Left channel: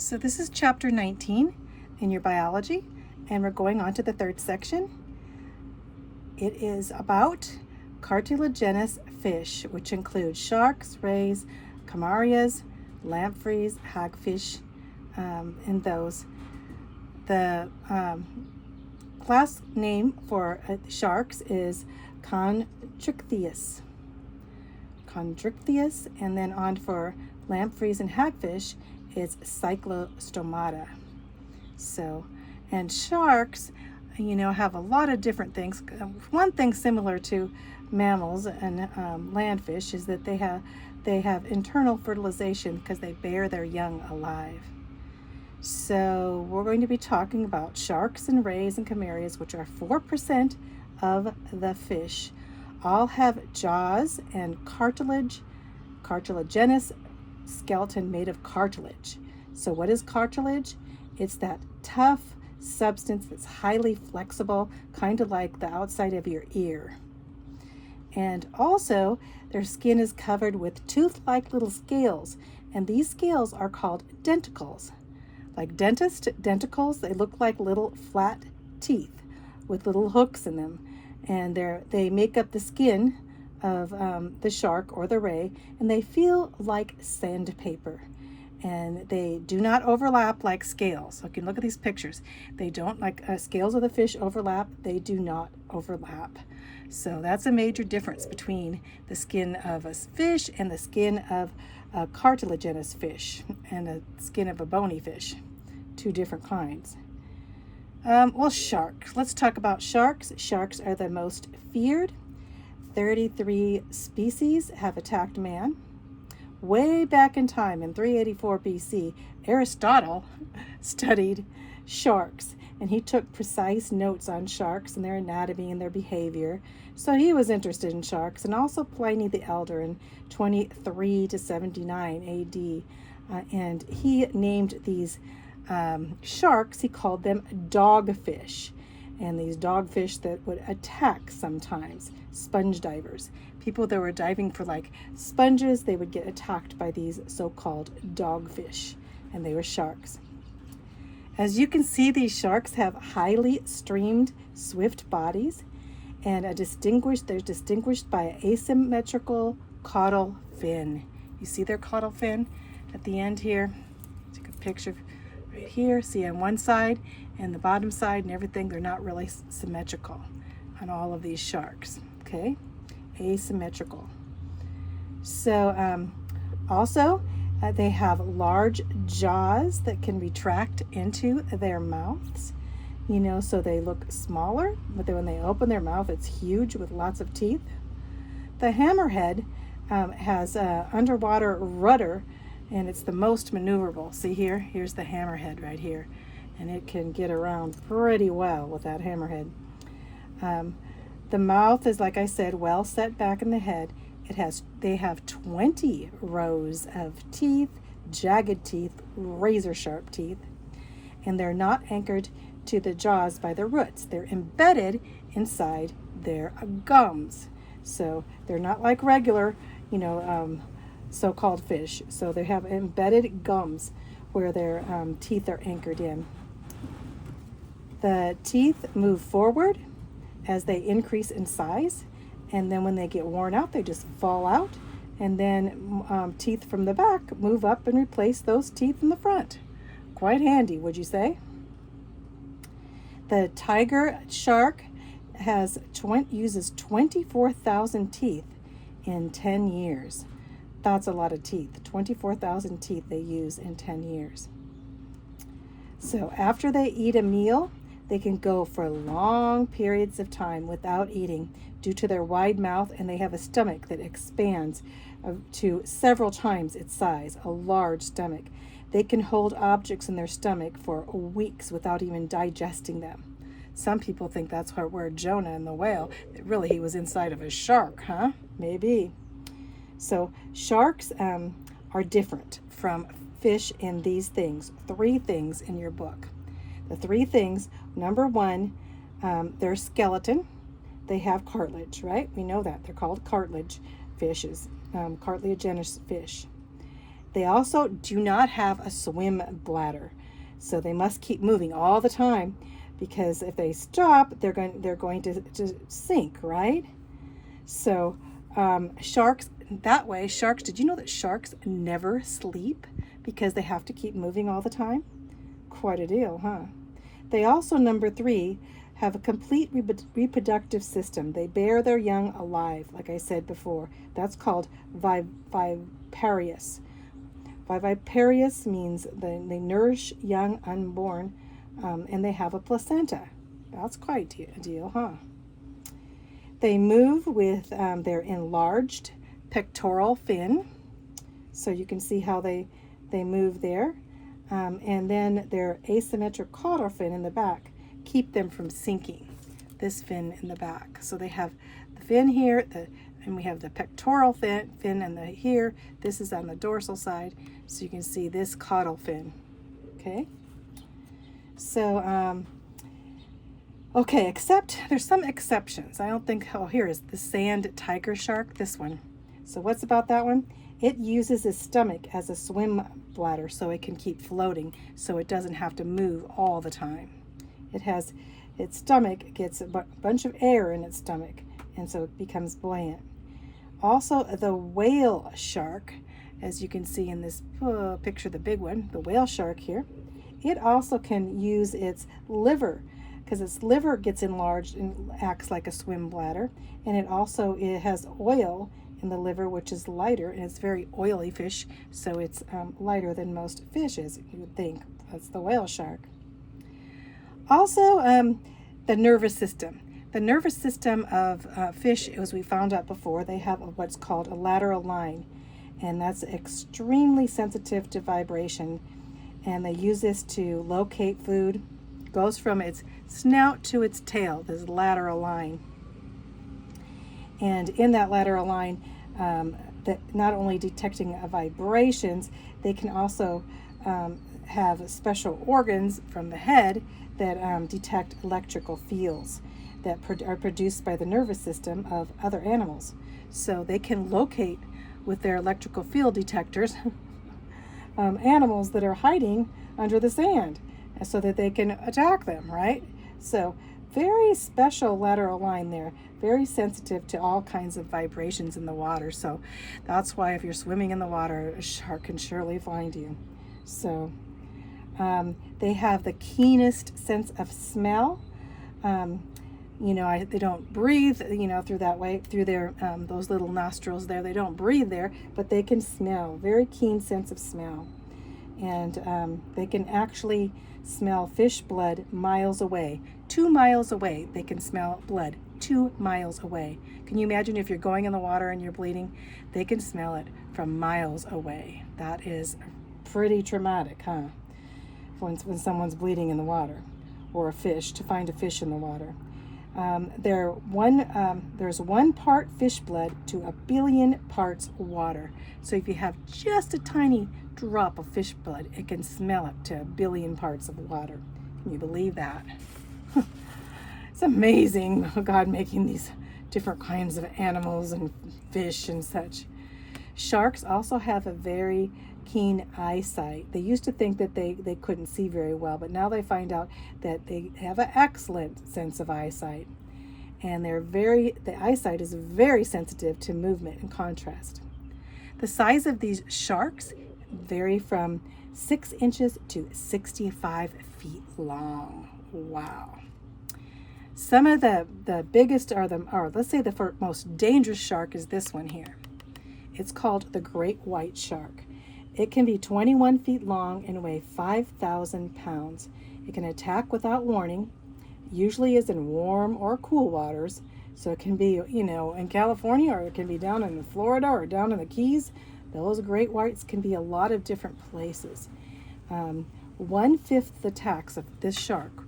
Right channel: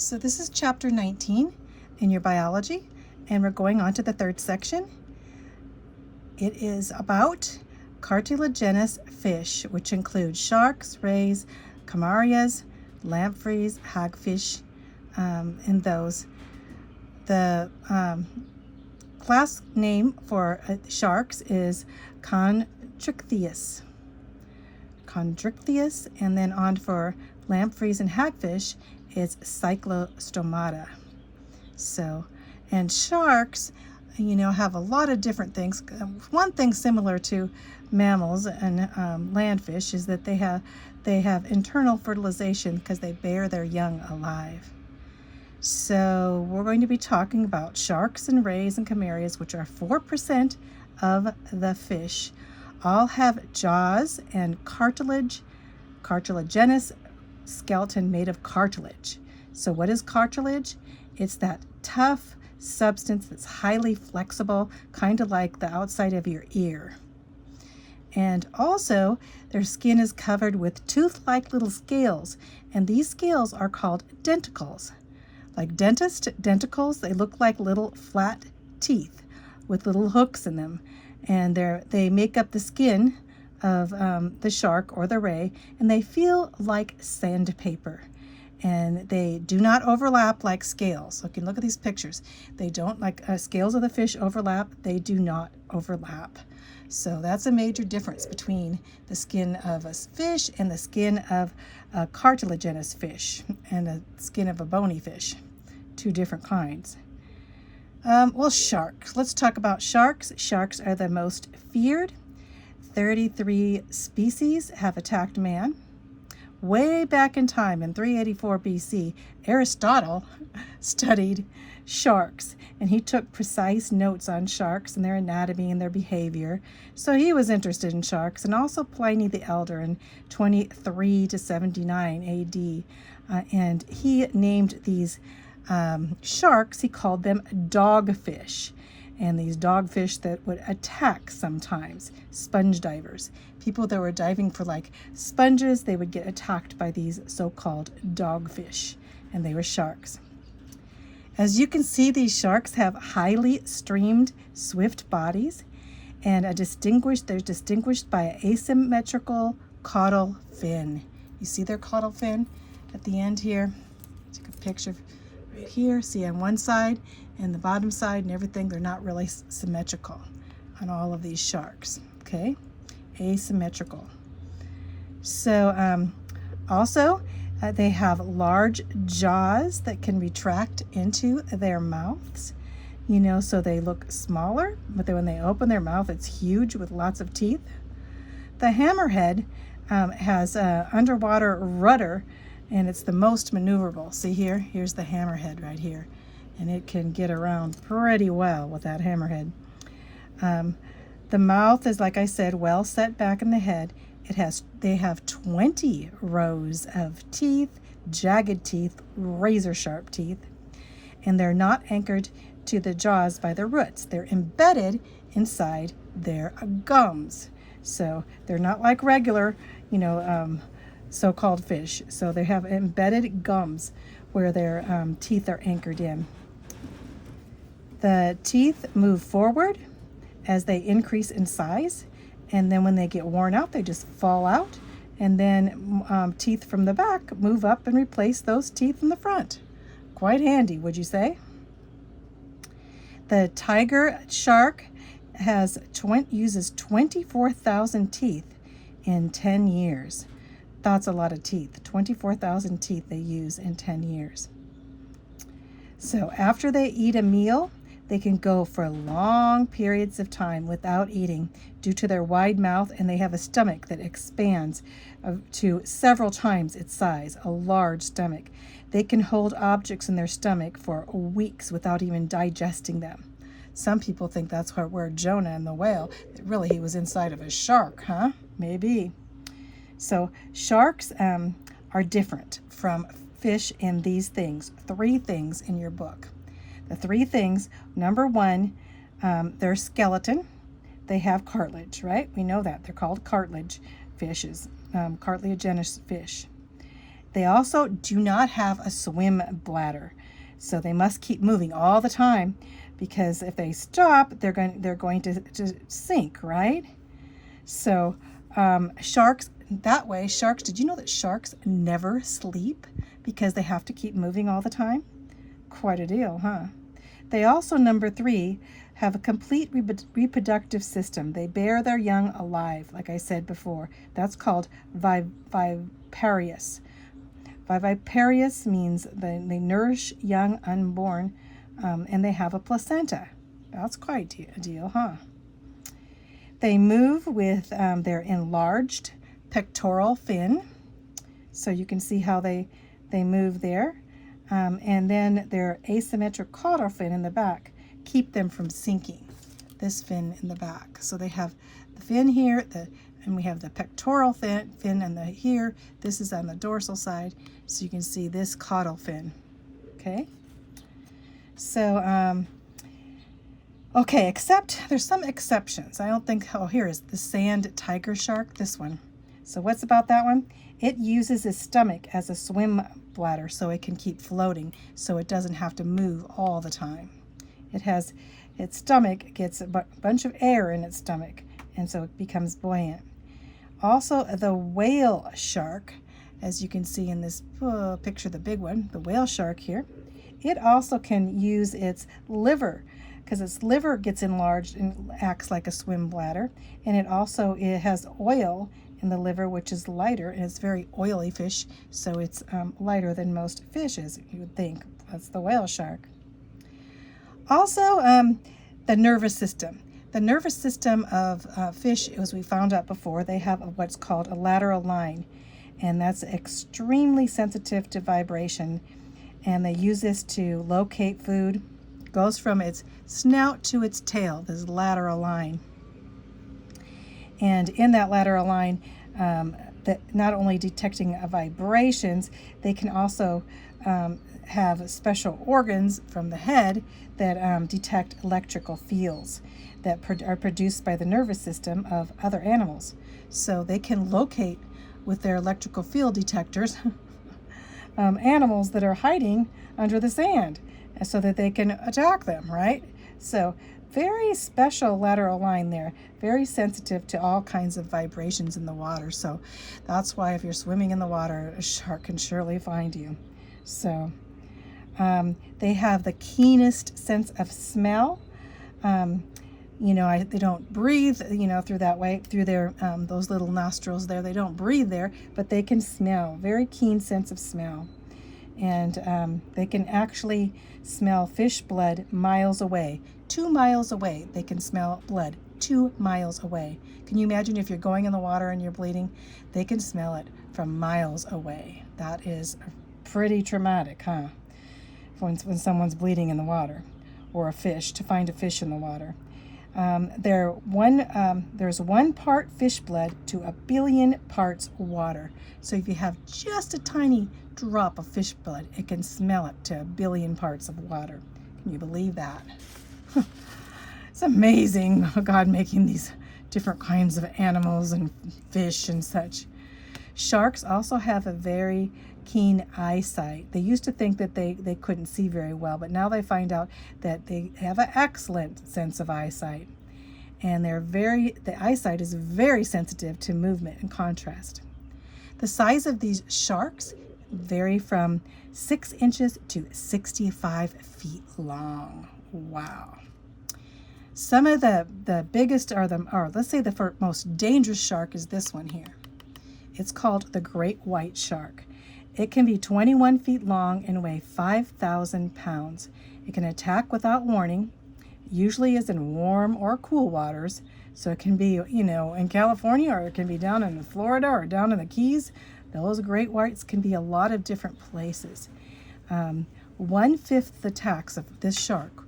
So this is chapter 19 in your biology, and we're going on to the third section. It is about cartilaginous fish, which include sharks, rays, camarias, lampreys, hagfish, and those. The class name for sharks is Chondrichthyes. And then on for lampreys and hagfish is Cyclostomata. So, and sharks, have a lot of different things. One thing similar to mammals and landfish is that they have internal fertilization because they bear their young alive. So we're going to be talking about sharks and rays and camarias, which are 4% of the fish. All have jaws and cartilaginous skeleton made of cartilage. So what is cartilage? It's that tough substance that's highly flexible, kind of like the outside of your ear. And also, their skin is covered with tooth-like little scales, and these scales are called denticles. Like dentist denticles, they look like little flat teeth with little hooks in them, and they make up the skin of the shark or the ray, and they feel like sandpaper, and they do not overlap like scales. Okay, look at these pictures. They don't, like scales of the fish overlap, they do not overlap. So that's a major difference between the skin of a fish and the skin of a cartilaginous fish and the skin of a bony fish. Two different kinds. Well, sharks. Let's talk about sharks. Sharks are the most feared. 33 species have attacked man. Way back in time, in 384 BC, Aristotle studied sharks, and he took precise notes on sharks and their anatomy and their behavior. So he was interested in sharks, and also Pliny the Elder in 23 to 79 AD. And he named these sharks, he called them dogfish. And these dogfish that would attack sometimes sponge divers. People that were diving for like sponges, they would get attacked by these so-called dogfish, and they were sharks. As you can see, these sharks have highly streamed, swift bodies, and they're distinguished by an asymmetrical caudal fin. You see their caudal fin at the end here? Take a picture right here. See on one side and the bottom side and everything, they're not really symmetrical on all of these sharks, okay? Asymmetrical. So also they have large jaws that can retract into their mouths, so they look smaller, but then when they open their mouth, it's huge with lots of teeth. The hammerhead has an underwater rudder, and it's the most maneuverable. See here? Here's the hammerhead right here, and it can get around pretty well with that hammerhead. The mouth is, like I said, well set back in the head. They have 20 rows of teeth, jagged teeth, razor sharp teeth, and they're not anchored to the jaws by their roots. They're embedded inside their gums. So they're not like regular, so-called fish. So they have embedded gums where their teeth are anchored in. The teeth move forward as they increase in size, and then when they get worn out, they just fall out, and then teeth from the back move up and replace those teeth in the front. Quite handy, would you say? The tiger shark uses 24,000 teeth in 10 years. That's a lot of teeth. 24,000 teeth they use in 10 years. So after they eat a meal, they can go for long periods of time without eating due to their wide mouth, and they have a stomach that expands to several times its size, a large stomach. They can hold objects in their stomach for weeks without even digesting them. Some people think that's where Jonah and the whale, that really he was inside of a shark, huh? Maybe. So sharks are different from fish in these things. 3 things in your book. The 3 things, number 1, their skeleton. They have cartilage, right? We know that. They're called cartilage fishes, cartilaginous fish. They also do not have a swim bladder, so they must keep moving all the time, because if they stop, they're going to sink, right? So sharks, that way, sharks, did you know that sharks never sleep because they have to keep moving all the time? Quite a deal, huh? They also, number 3, have a complete reproductive system. They bear their young alive, like I said before. That's called viviparous. Viviparous means they nourish young unborn, and they have a placenta. That's quite a deal, huh? They move with their enlarged pectoral fin, so you can see how they move there, and then their asymmetric caudal fin in the back keep them from sinking. This fin in the back, so they have the fin here, and we have the pectoral fin and the here. This is on the dorsal side, so you can see this caudal fin. Okay, so okay, except there's some exceptions. I don't think, oh, here is the sand tiger shark, this one. So what's about that one? It uses its stomach as a swim bladder so it can keep floating, so it doesn't have to move all the time. It has, its stomach gets a bunch of air in its stomach, and so it becomes buoyant. Also, the whale shark, as you can see in this picture, the big one, the whale shark here, it also can use its liver, because its liver gets enlarged and acts like a swim bladder, and it has oil in the liver, which is lighter, and it's very oily fish, so it's lighter than most fishes, you would think. That's the whale shark. Also, the nervous system. The nervous system of fish, as we found out before, they have what's called a lateral line, and that's extremely sensitive to vibration, and they use this to locate food. It goes from its snout to its tail, this lateral line. And in that lateral line, that not only detecting vibrations, they can also have special organs from the head that detect electrical fields that are produced by the nervous system of other animals. So they can locate with their electrical field detectors animals that are hiding under the sand, so that they can attack them, right? So very special lateral line there, very sensitive to all kinds of vibrations in the water. So that's why if you're swimming in the water, a shark can surely find you. So they have the keenest sense of smell. They don't breathe, through that way, through their those little nostrils there. They don't breathe there, but they can smell. Very keen sense of smell, and they can actually smell fish blood miles away. 2 miles away, they can smell blood. 2 miles away. Can you imagine if you're going in the water and you're bleeding? They can smell it from miles away. That is pretty traumatic, huh? When someone's bleeding in the water, or a fish, to find a fish in the water. There's 1 part fish blood to 1 billion parts water. So if you have just a tiny drop of fish blood, it can smell it to 1 billion parts of water. Can you believe that? It's amazing, God making these different kinds of animals and fish and such. Sharks also have a very keen eyesight. They used to think that they couldn't see very well, but now they find out that they have an excellent sense of eyesight. And the eyesight is very sensitive to movement and contrast. The size of these sharks vary from 6 inches to 65 feet long. Wow. Some of the biggest let's say the most dangerous shark is this one here. It's called the great white shark. It can be 21 feet long and weigh 5,000 pounds. It can attack without warning, usually is in warm or cool waters. So it can be, in California, or it can be down in Florida or down in the Keys. Those great whites can be a lot of different places. 1/5 attacks of this shark,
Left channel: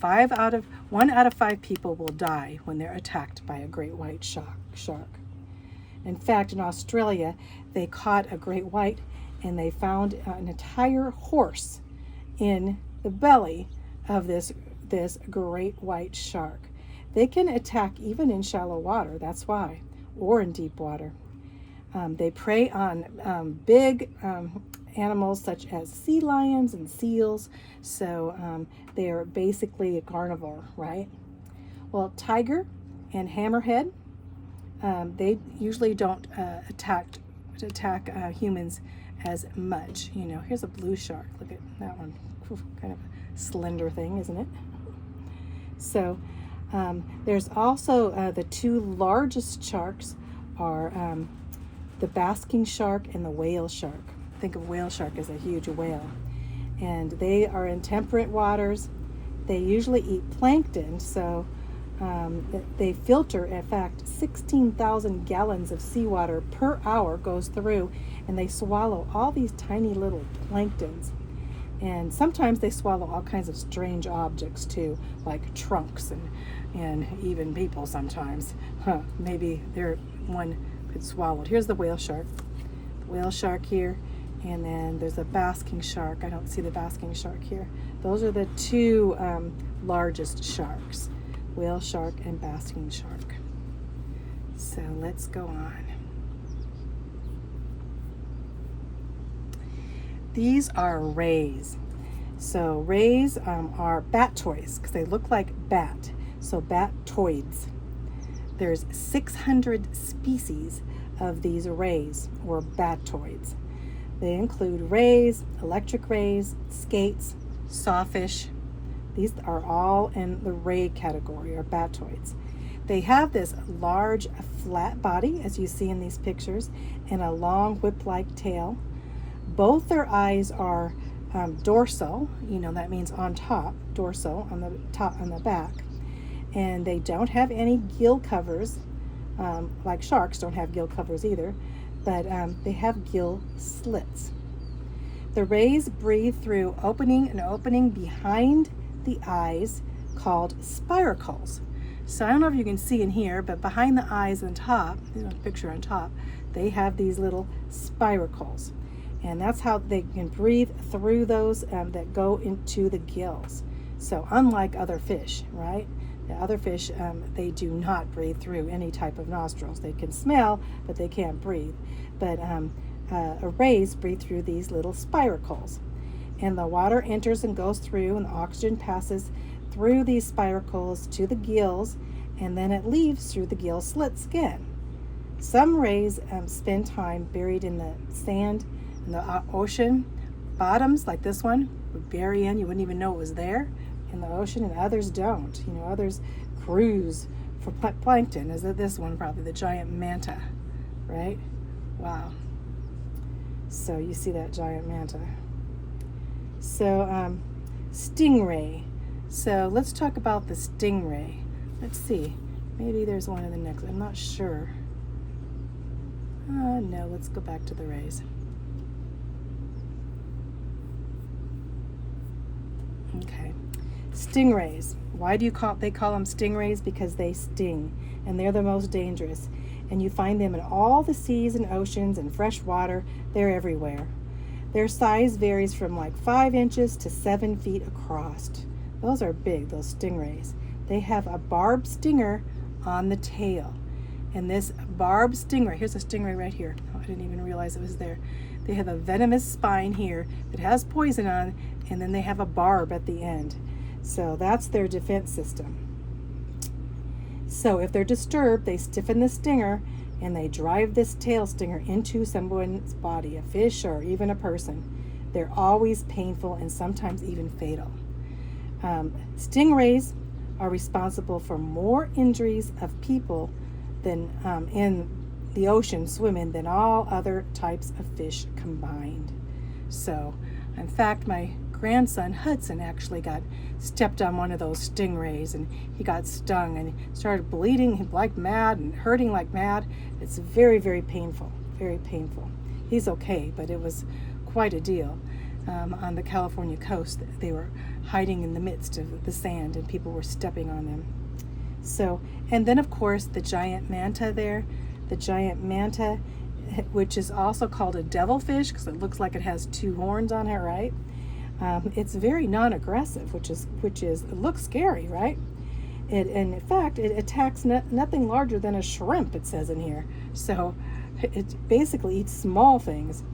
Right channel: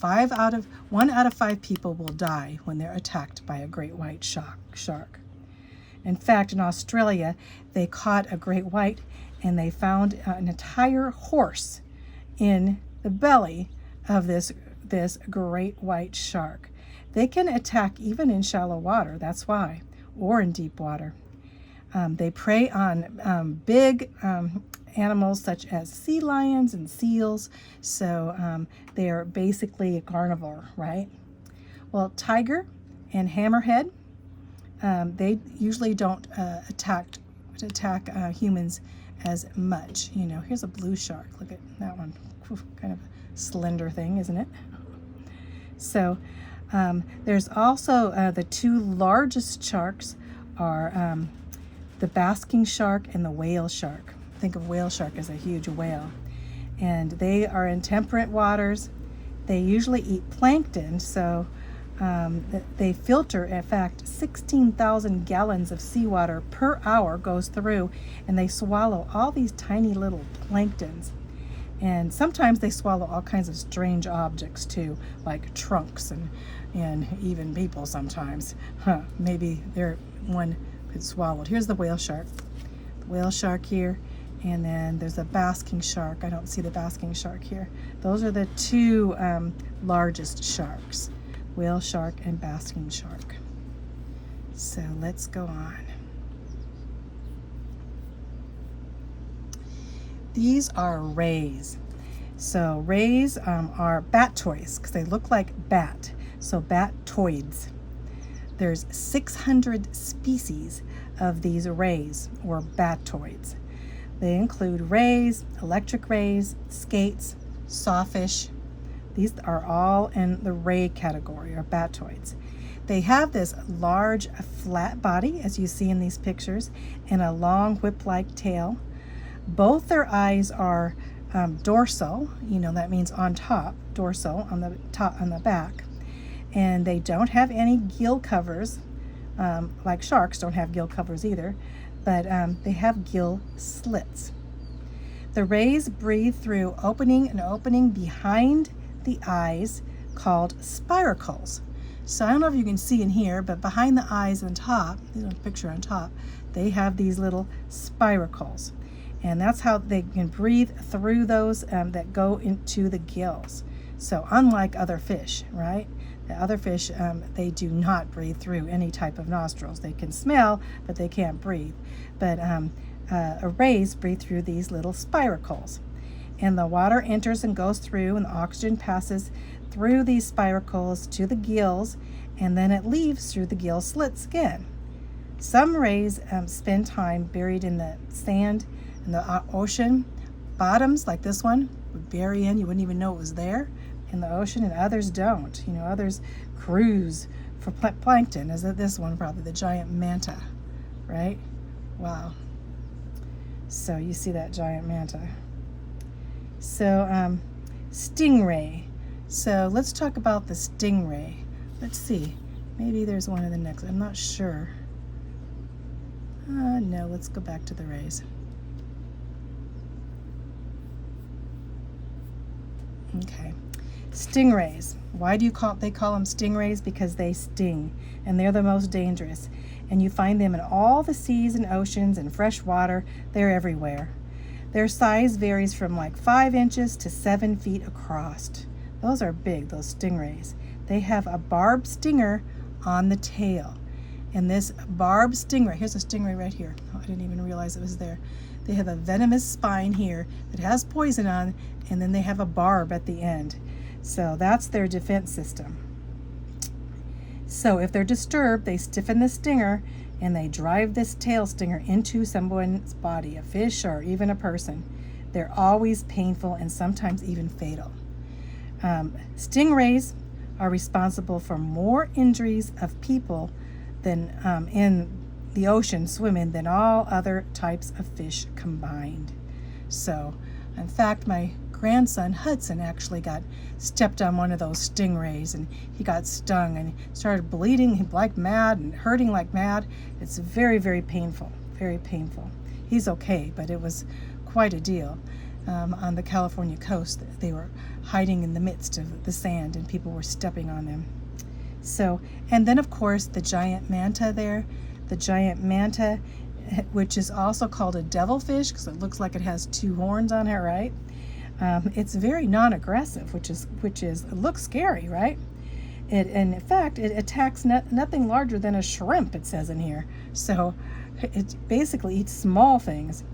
1 out of 5 people will die when they're attacked by a great white shark. In fact, in Australia, they caught a great white, and they found an entire horse in the belly of this great white shark. They can attack even in shallow water, that's why, or in deep water. They prey on big animals such as sea lions and seals. So they are basically a carnivore, right? Well, tiger and hammerhead, they usually don't attack humans as much. You know, here's a blue shark. Look at that one. Kind of a slender thing, isn't it? So there's also the two largest sharks are the basking shark and the whale shark. Think of whale shark as a huge whale. And they are in temperate waters. They usually eat plankton, so they filter, in fact, 16,000 gallons of seawater per hour goes through, and they swallow all these tiny little planktons. And sometimes they swallow all kinds of strange objects too, like trunks and even people sometimes. Maybe they're one that's swallowed. Here's the whale shark. The whale shark here, and then there's a basking shark. I don't see the basking shark here. Those are the two largest sharks, whale shark and basking shark. So let's go on. These are rays. So rays are batoids because they look like bat. So batoids. There's 600 species of these rays or batoids. They include rays, electric rays, skates, sawfish. These are all in the ray category or batoids. They have this large flat body, as you see in these pictures, and a long whip-like tail. Both their eyes are dorsal, you know, that means on top, dorsal on the top, on the back. And they don't have any gill covers, like sharks don't have gill covers either, but they have gill slits. The rays breathe through an opening behind the eyes called spiracles. So I don't know if you can see in here, but behind the eyes on top, there's a picture on top, they have these little spiracles. And that's how they can breathe through those that go into the gills. So unlike other fish, right? The other fish, they do not breathe through any type of nostrils. They can smell, but they can't breathe. But rays breathe through these little spiracles. And the water enters and goes through, and the oxygen passes through these spiracles to the gills, and then it leaves through the gill slits again. Some rays spend time buried in the sand in the ocean bottoms, like this one would bury in, you wouldn't even know it was there in the ocean, and others don't. You know, others cruise for plankton, as this one probably, the giant manta, right? Wow. So you see that giant manta. So stingray. So let's talk about the stingray. Let's see, maybe there's one in the next, I'm not sure. No, let's go back to the rays. Okay, stingrays. Why do they call them stingrays? Because they sting, and they're the most dangerous. And you find them in all the seas and oceans and fresh water. They're everywhere. Their size varies from like 5 inches to 7 feet across. Those are big, those stingrays. They have a barbed stinger on the tail. And this barbed stingray, here's a stingray right here. Oh, I didn't even realize it was there. They have a venomous spine here that has poison on, and then they have a barb at the end. So that's their defense system. So if they're disturbed, they stiffen the stinger and they drive this tail stinger into someone's body, a fish or even a person. They're always painful and sometimes even fatal. Stingrays are responsible for more injuries of people than in the ocean swimming than all other types of fish combined. So, in fact, my grandson Hudson actually got stepped on one of those stingrays, and he got stung and started bleeding like mad and hurting like mad. It's very, very painful, very painful. He's okay, but it was quite a deal. On the California coast, they were hiding in the midst of the sand and people were stepping on them. So, and then of course the giant manta there, the giant manta, which is also called a devilfish because it looks like it has 2 horns on it, right? It's very non-aggressive, which is it looks scary, right? And in fact, it attacks nothing larger than a shrimp, it says in here. So It basically eats small things.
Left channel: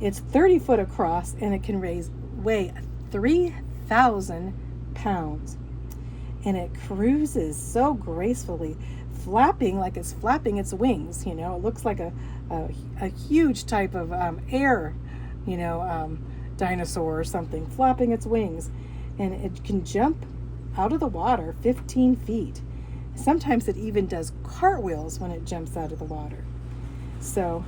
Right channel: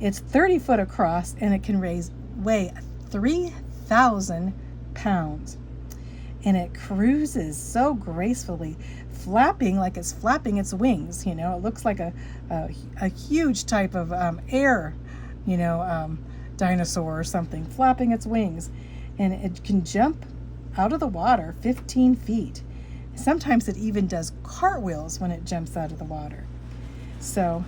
It's 30 foot across, and it can weigh 3,000 pounds. And it cruises so gracefully, flapping like it's flapping its wings. It looks like a huge type of air, dinosaur or something, flapping its wings. And it can jump out of the water 15 feet. Sometimes it even does cartwheels when it jumps out of the water. So,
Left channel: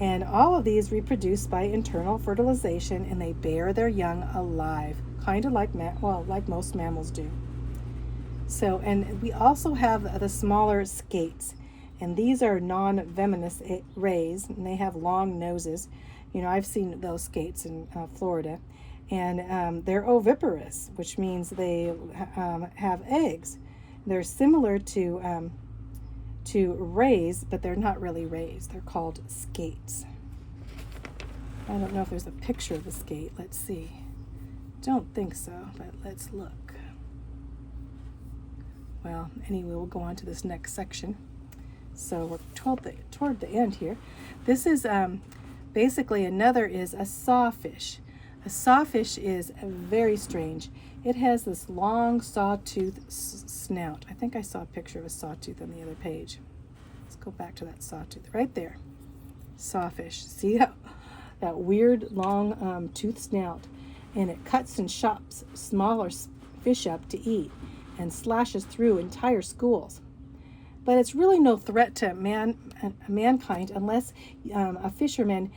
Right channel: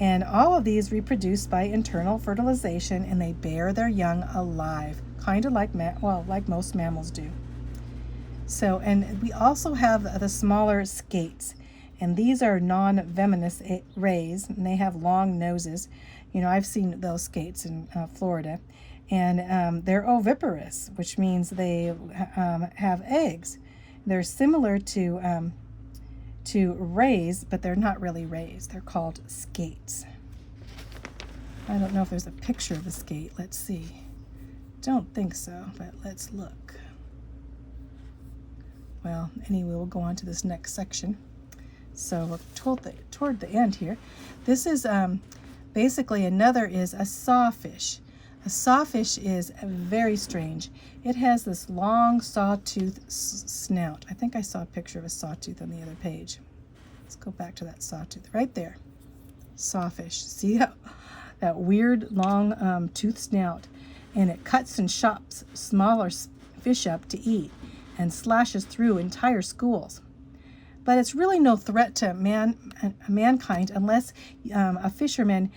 and all of these reproduce by internal fertilization, and they bear their young alive, kind of like like most mammals do. So, and we also have the smaller skates, and these are non-venomous rays, and they have long noses. I've seen those skates in Florida, and they're oviparous, which means they have eggs. They're similar to rays, but they're not really rays. They're called skates. I don't know if there's a picture of a skate. Let's see. Don't think so, but let's look. Well, anyway, we'll go on to this next section. So we're toward the end here. This is basically another is a sawfish. A sawfish is very strange. It has this long sawtooth snout. I think I saw a picture of a sawtooth on the other page. Let's go back to that sawtooth right there. Sawfish. See that weird long tooth snout, and it cuts and chops smaller fish up to eat and slashes through entire schools. But it's really no threat to mankind unless a fisherman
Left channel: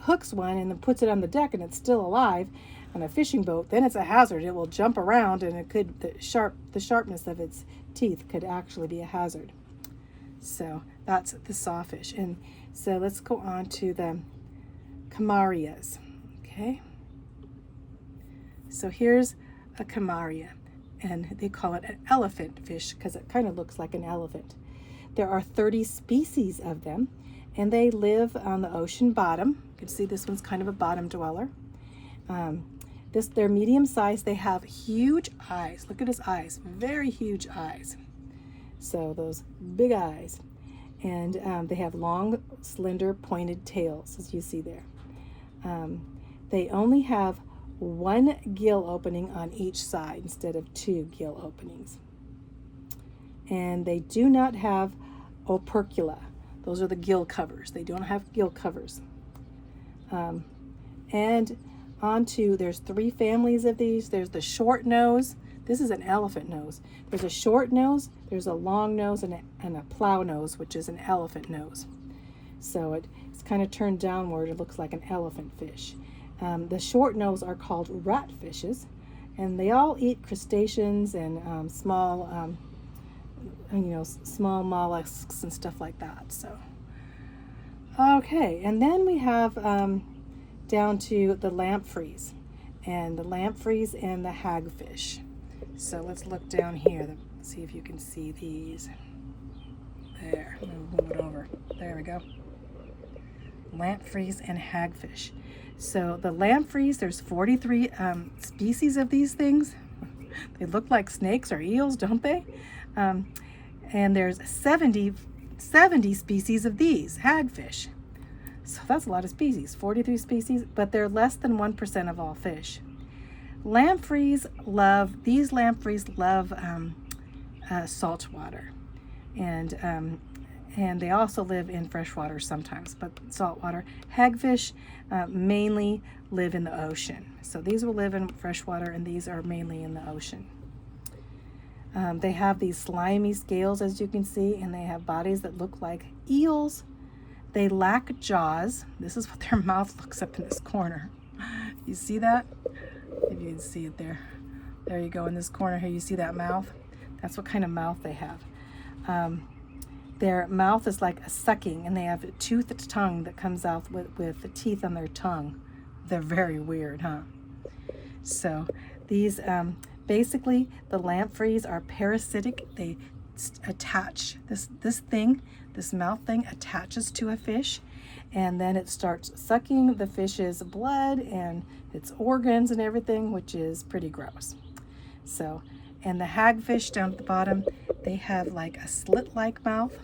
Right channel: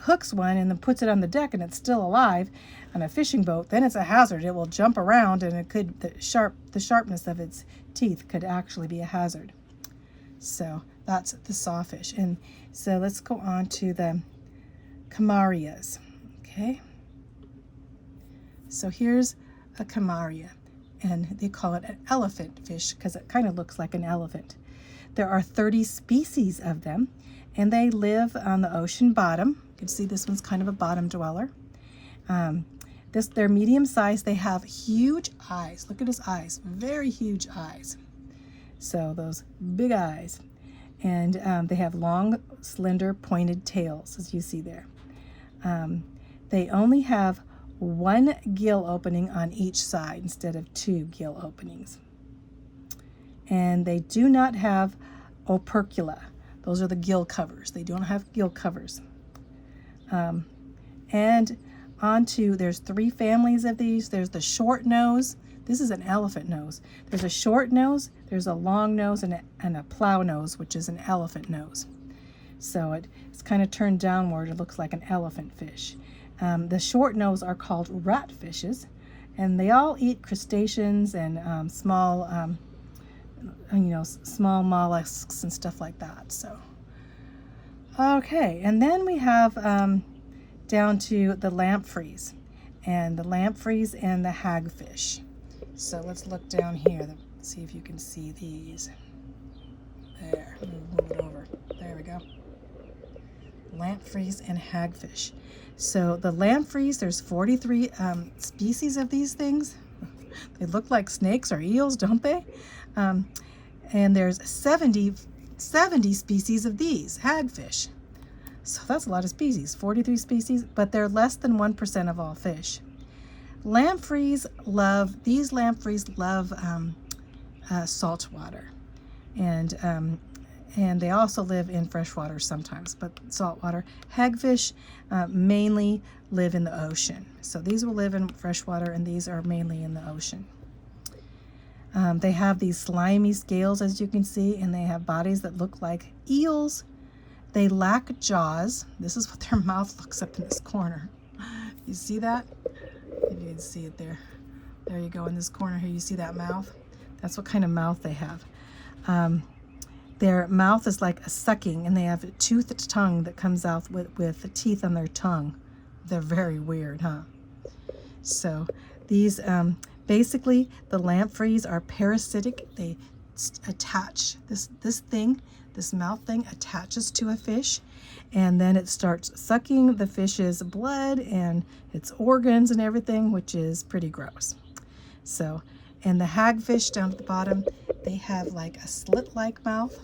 hooks one and then puts it on the deck and it's still alive on a fishing boat. Then it's a hazard. It will jump around, and the sharpness of its teeth could actually be a hazard. So that's the sawfish. And so let's go on to the camarias. Okay. So here's a camaria, and they call it an elephant fish because it kind of looks like an elephant. There are 30 species of them, and they live on the ocean bottom. You can see this one's kind of a bottom dweller. They're medium sized. They have huge eyes. Look at his eyes, very huge eyes. So those big eyes, and they have long, slender, pointed tails, as you see there. They only have one gill opening on each side instead of 2 gill openings. And they do not have opercula. Those are the gill covers. They don't have gill covers. And there's 3 families of these. There's the short nose. This is an elephant nose. There's a short nose, there's a long nose, and a plow nose, which is an elephant nose. So it's kind of turned downward. It looks like an elephant fish. The short nose are called rat fishes, and they all eat crustaceans and small mollusks and stuff like that. So, okay, and then we have down to the lampreys, and the lampreys and the hagfish. So let's look down here, see if you can see these. There, move it over. There we go. Lampreys and hagfish. So the lampreys, there's 43 species of these things. They look like snakes or eels, don't they? And there's 70 species of these hagfish. So that's a lot of species, 43 species, but they're less than 1% of all fish. Lampreys love salt water, and they also live in fresh water sometimes, but saltwater. Hagfish mainly live in the ocean. So these will live in fresh water, and these are mainly in the ocean. They have these slimy scales, as you can see, and they have bodies that look like eels. They lack jaws. This is what their mouth looks up in this corner. You see that? If you can see it there. There you go, in this corner here, you see that mouth? That's what kind of mouth they have. Their mouth is like a sucking, and they have a toothed tongue that comes out with the teeth on their tongue. They're very weird, huh? So these, basically, the lampreys are parasitic. They attach this mouth thing attaches to a fish, and then it starts sucking the fish's blood and its organs and everything, which is pretty gross. So, and the hagfish down at the bottom, they have like a slit-like mouth,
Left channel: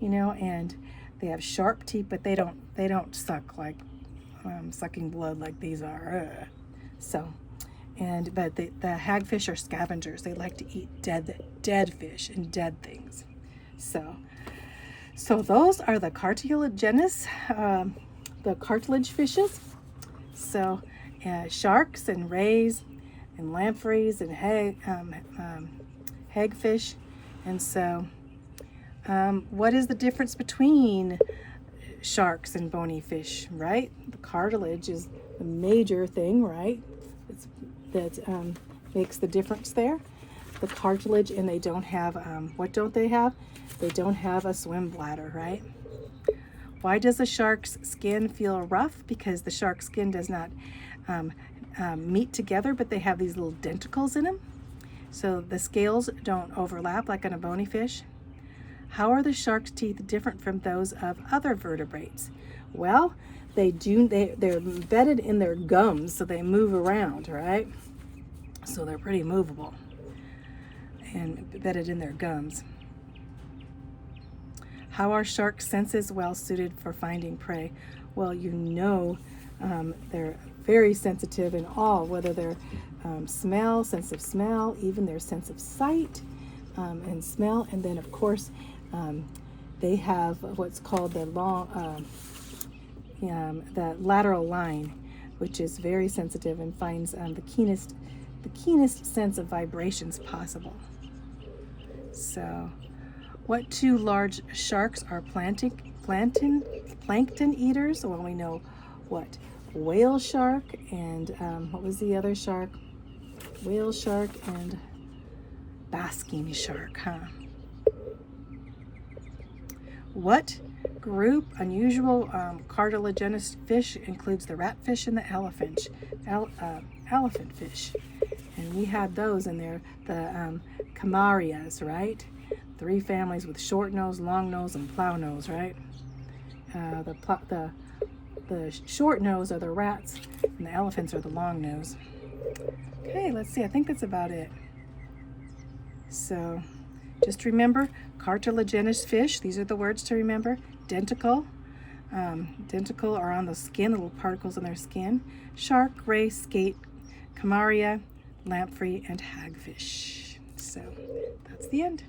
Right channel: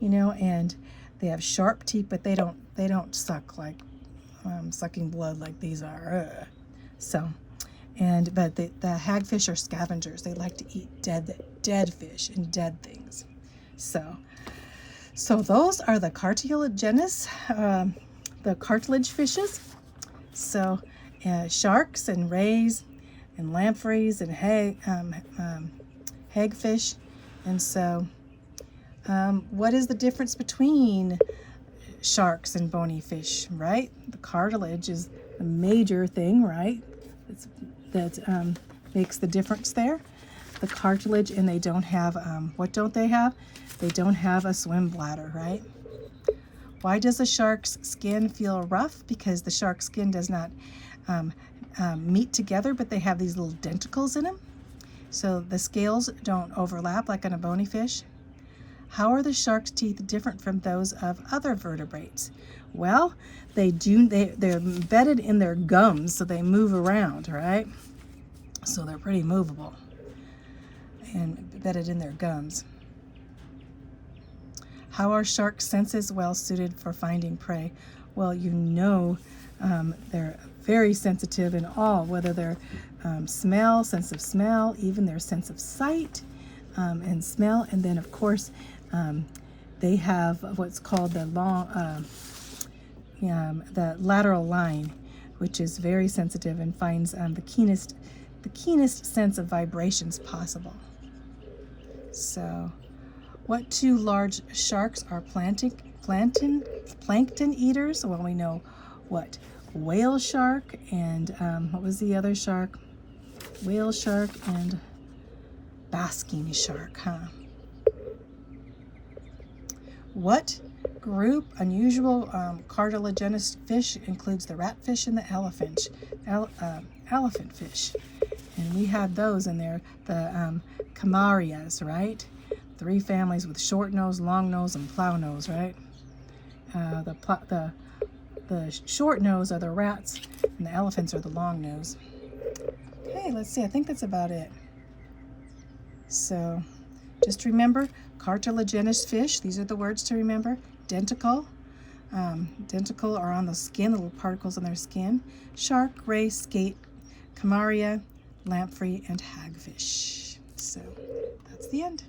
and They have sharp teeth, but they don't suck like sucking blood like these are. Ugh. So, but the hagfish are scavengers. They like to eat dead fish and dead things. So those are the cartilaginous, the cartilage fishes. So sharks and rays and lampreys and hagfish. And so what is the difference between sharks and bony fish, right? The cartilage is the major thing, right? That makes the difference there. The cartilage, and they don't have, what don't they have? They don't have a swim bladder, right? Why does a shark's skin feel rough? Because the shark's skin does not meet together, but they have these little denticles in them. So the scales don't overlap like on a bony fish. How are the shark's teeth different from those of other vertebrates? Well, they're embedded in their gums, so they move around, right? So they're pretty movable and embedded in their gums. How are sharks' senses well suited for finding prey? Well, they're very sensitive in all, whether they're sense of smell, even their sense of sight and smell. And then, of course, they have what's called the lateral line, which is very sensitive and finds the keenest sense of vibrations possible. So, what two large sharks are plankton eaters? Well, we know what whale shark and what was the other shark? Whale shark and basking shark, huh? What group unusual cartilaginous fish includes the ratfish and the elephant fish? And we had those in there, the camarias, right? 3 families with short nose, long nose, and plow nose, right? The short nose are the rats, and the elephants are the long nose. Okay, let's see. I think that's about it. So, just remember, cartilaginous fish. These are the words to remember. Denticle. Denticle are on the skin, little particles on their skin. Shark, ray, skate, camaria, lamprey, and hagfish. So, that's the end.